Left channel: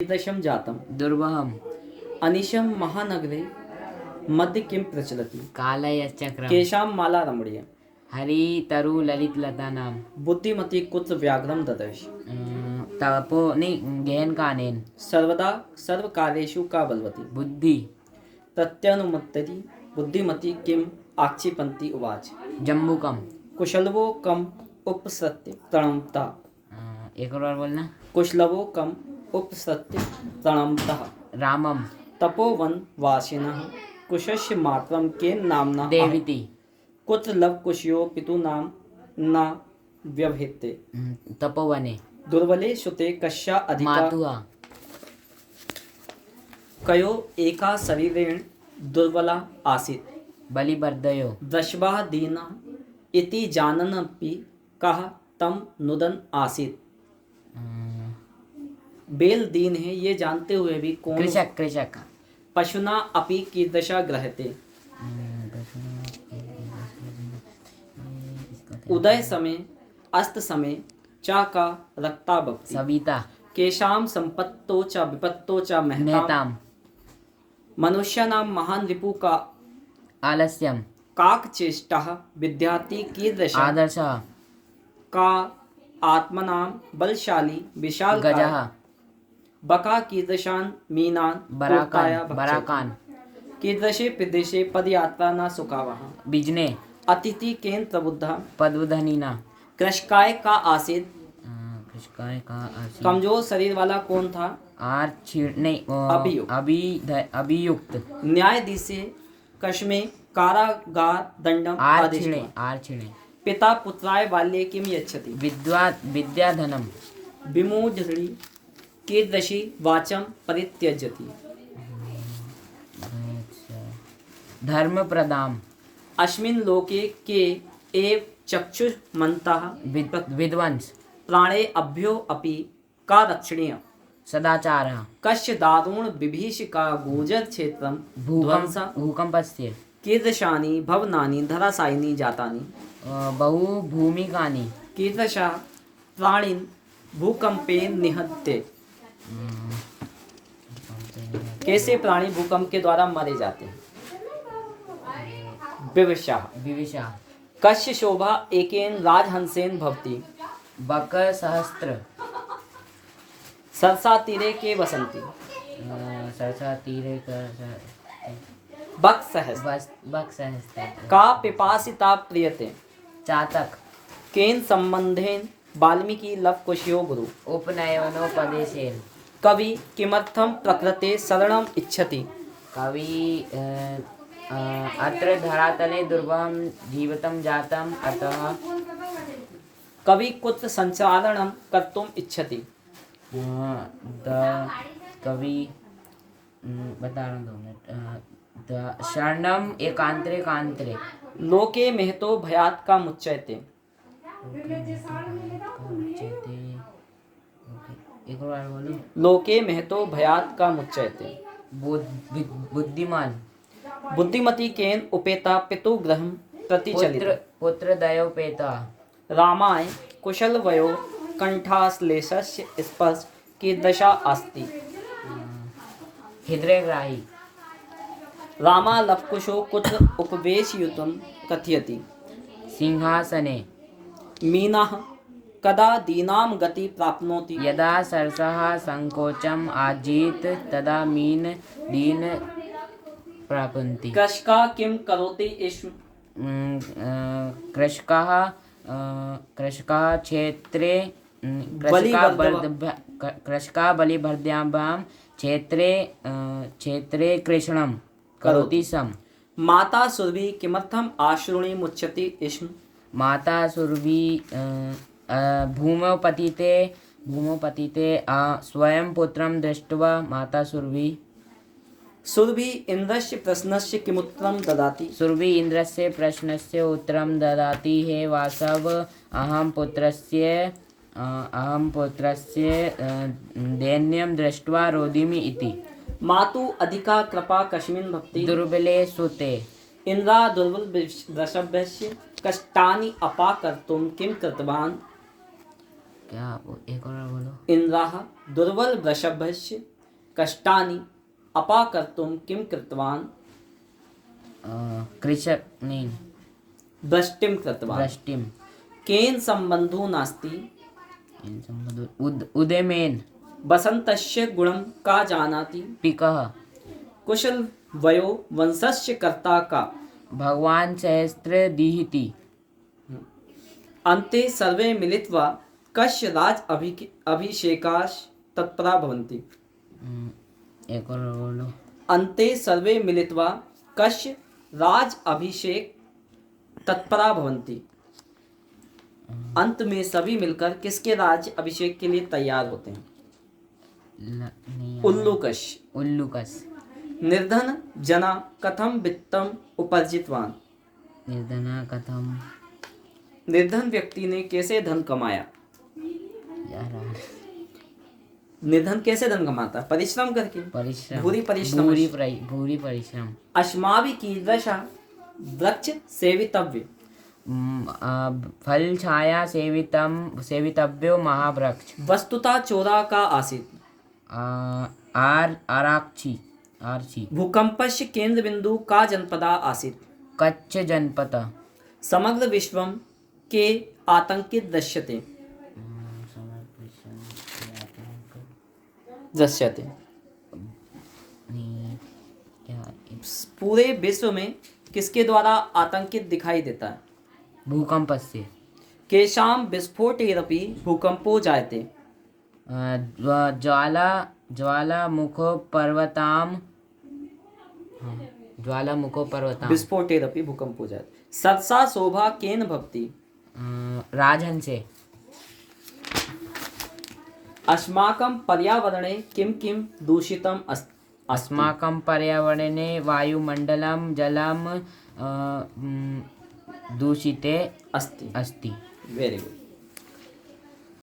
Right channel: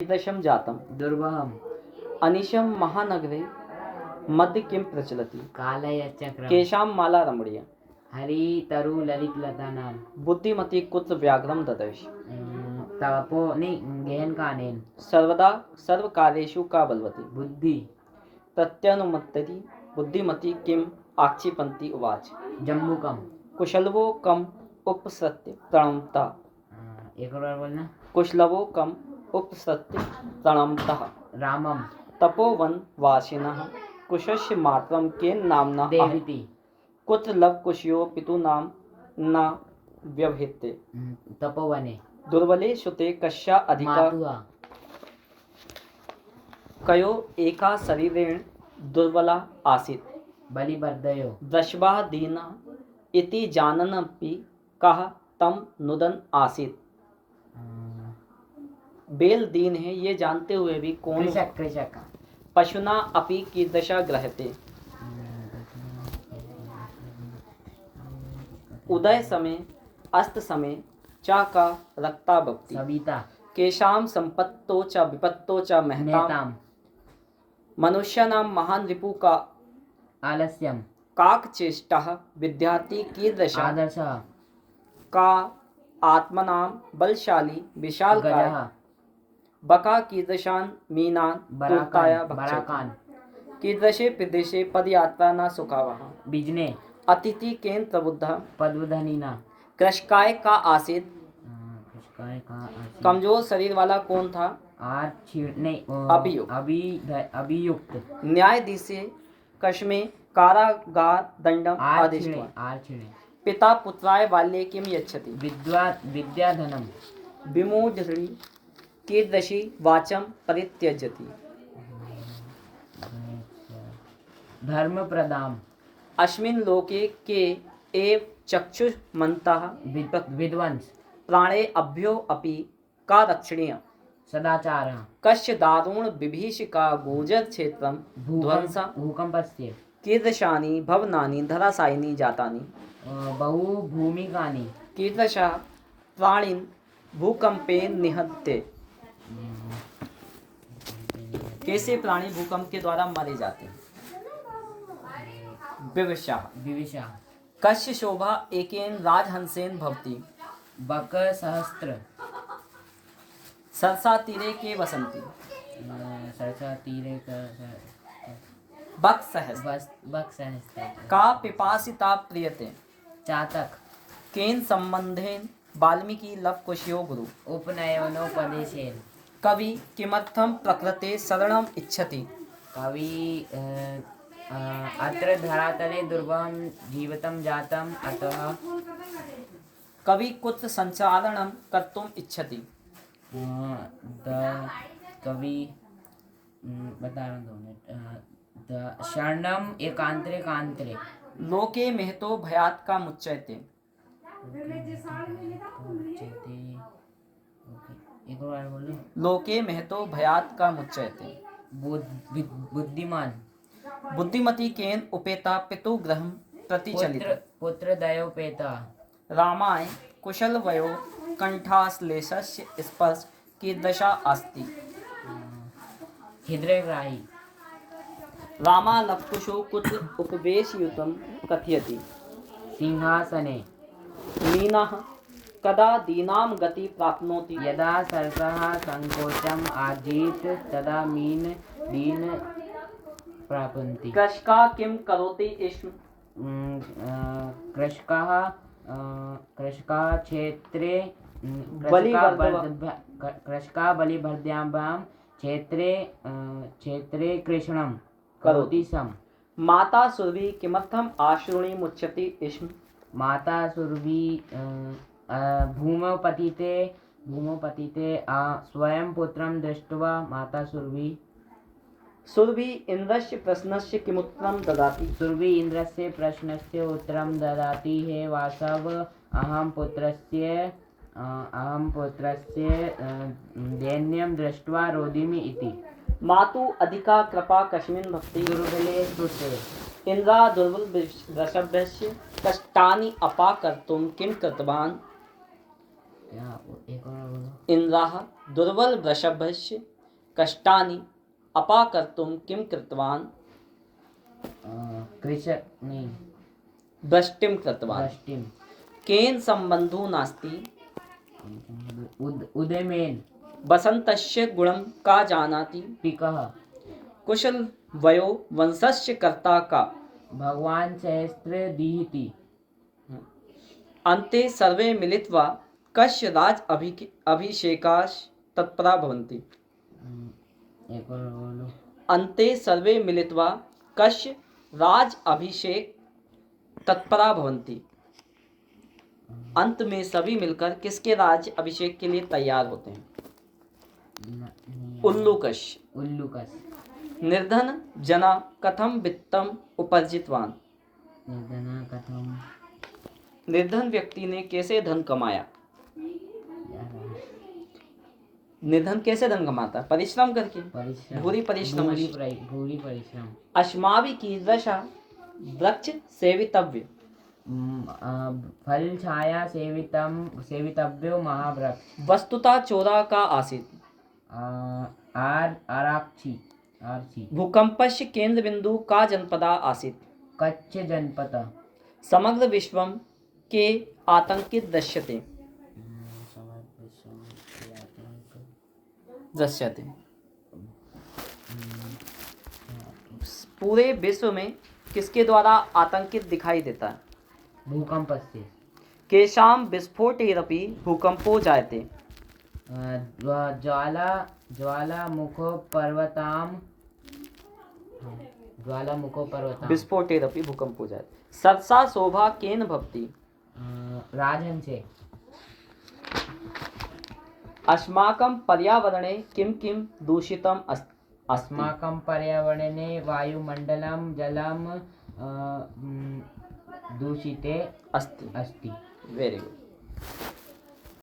कीदृशं जातं दुर्वहम् अनिशं महानगरे मध्य किं प्रचलति कालयचक्रम केषां माला रमणीय हरितरु ललितलतानां बुद्धिमती कुत्र व्याघ्रं ददर्श तपो गहन कानेन सर्वदा सर्वकार्येषु का बलवती बुद्धि प्रत्यनुमत्तति बुद्धिमती किम आक्षिपन्ति उवाच जम्बुकम कुशलवो कम उपसत्य प्रणमता एक और बार बोलना कुशलवो कम उपसत्य प्रणमतः रामम तपोवन वासिनः कुशस्य मातरं केन नाम्ना देविति कुत्र लव कुशयो पितु नाम न व्यवहिते तपोवने दुर्बले सुते कस्या अधिका मातुआ कयो एका शरीरेण दुर्बला आसीत् बलिवर्दयो दशवाः दीना इति जानन्नपि कः तम नुदन आसीत् बेल दीन है ये जानते हुए भी कौन कृषक कृषक पशुना अपि कीदृशा ग्रहते उदय समय अस्त समय चा का रक्ता भक्ति सविता केशाम संपत्तो च विपत्तो च महताम मेहताम मनुष्याणां महान रिपु का आलस्यम काक चेष्टा विद्यार्थी कीदृशा आदर्श का आत्मनां बलशाली विशाल गजः बका कीदृशान मीनान बराकान बराकान कीदृशे प्रदेशे पदयात्रा न सुखावः बिजने अतिथि केन प्रबुद्धा पद्वधनीना कृषकाय का आसित कृषकाय का आसी कमजोर शरीर वाला कौन था आर छिड़ने अभियुक्त। अभियुक्त न्यायाधीश कश्मे कारागार दंडम आर आदिष्ट छिड़े आर छिड़े पिता पुत्राय बाल्ये किम यच्छति विद्याधनम विमूढ़ी कीदृशी वाचम परित्यजति धर्म प्रदाम अस्मिन् लोके के एव चक्षुष्मन्तः विद्वंस प्राणे अभ्यो अपि का रक्षणीय सदाचार कस्य दारुण विभीषिका गोचर क्षेत्रं ध्वंसा भूकंपस्य कीदृशानि भवनानि धराशायिनी जातानि बहु भूमिकानि कीदृशा प्राणिन् भूकंपेन निहत्ते कैसे प्राणी भूकंप के द्वारा मारे जाते हैं विविशा कस्य शोभा एकेन राजहंसेन भवति बक सहस्त्र सरसा तीरे के वसंती सरसा तीरे बक सहस बक सहस्त्र का पिपासिता प्रियते चातक केन संबंधेन वाल्मीकि लव कुशयो गुरु उपनयनोपदेशेन कवि किमर्थम प्रकृते शरणम इच्छति कवि अत्र धरातले दुर्गम जीवितं जातम् अतः कवि कुत्र संचारणम कर्तुम इच्छति द कवि बता रहा हूँ 2 मिनट द शरणम एकांतरे कांतरे लोके महतो भयात का मुच्यते एक और बार बोलो लोके महतो भयात का मुच्यते बुद्धिमान बुद्धिमती केन उपेता पितु ग्रहम प्रतिचलित पुत्र दयोपेता रामाय कुशलवयो कंठाश्लेषस्य स्पर्श की दशा अस्ति हृदयग्राही रामा लवकुशो कुत्र उपवेशयुतं कथयति सिंहासने मीनः कदा दीनां गति प्राप्नोति यदा सरसः संकोचम आजीत तदा मीन दीन प्राप्नुवन्ति कृषका किं करोति स्म कृषकाः क्षेत्रे कृषका बलिभर्द्यां क्षेत्रे कृषणं करोति स्म माता सुरभि किमर्थम आश्रुणी मुच्यति स्म माता सुरभि भूमौ पतिते स्वयं पुत्रं दृष्ट्वा माता सुरभि सुरभि इंद्रस्य प्रश्नस्य किमुत्तरं ददाति सुरभि इंद्रस्य प्रश्नस्य उत्तरं ददाति हे वासव अहं पुत्रस्य दैन्यं दृष्ट्वा रोदिमि इति मातु अधिका कृपा कस्मिन् भक्ति दुर्बले सुते इंद्रा दुर्बल वृषभस्य कष्टानि अपाकर्तुं किं कृतवान् एक और बोलो। इंद्राः दुर्बल वृषभस्य कष्टानि अपाकर्तुं किं कृतवान् कृषक नहीं, वृष्टिं कृतवान् वृष्टिम। केन सम्बन्धो नास्ति उदयमेन वसन्तस्य गुणं का जानाति पिकः कुशल वयो वंशस्य कर्ता का भगवान सहस्त्र दीहिति। अन्ते सर्वे मिलित्वा कस्य राज अभिषेकाश तत्परा भवन्ति एक और बोलो। अन्ते सर्वे मिलित्वा कस्य राज अभिषेक तत्परा भवन्ति अंत में सभी मिलकर किसके राज्य अभिषेक के लिए तैयार होते हैं उल्लूकश उल्लूकस। निर्धन जना कथम वित्तम उपार्जितवान निर्धना कथम निर्धन व्यक्ति ने कैसे धन कमाया यार निर्धन कैसे धन कमाता परिश्रम करके परिश्रम भूरी परिश्रम भूरी परिश्रम। अश्माभि कीदृश वृक्ष सेवितव्य फल छाया सेवितव्यो महावृक्ष। वस्तुतः चोरा का आसित आर्ची। भूकंपस्य केंद्र बिंदु का जनपदा आसित कच्छ जनपद। समग्र विश्वम के आतंकित दृश्यते पूरे विश्व में किसके द्वारा आतंकित दिखाई देता है भूकंप से। केशाम विस्फोटेरपि भूकंपो जायते ज्वालामुखो पर्वताम विस्फोटेरपि भूकंपो जायते सत्सा शोभा केन भवति राजन से। अस्माकं पर्यावरणे किं किं दूषितम् अस्माकं पर्यावरणे वायुमण्डलं जलं दूषिते अस्ति अस्ति। Very good.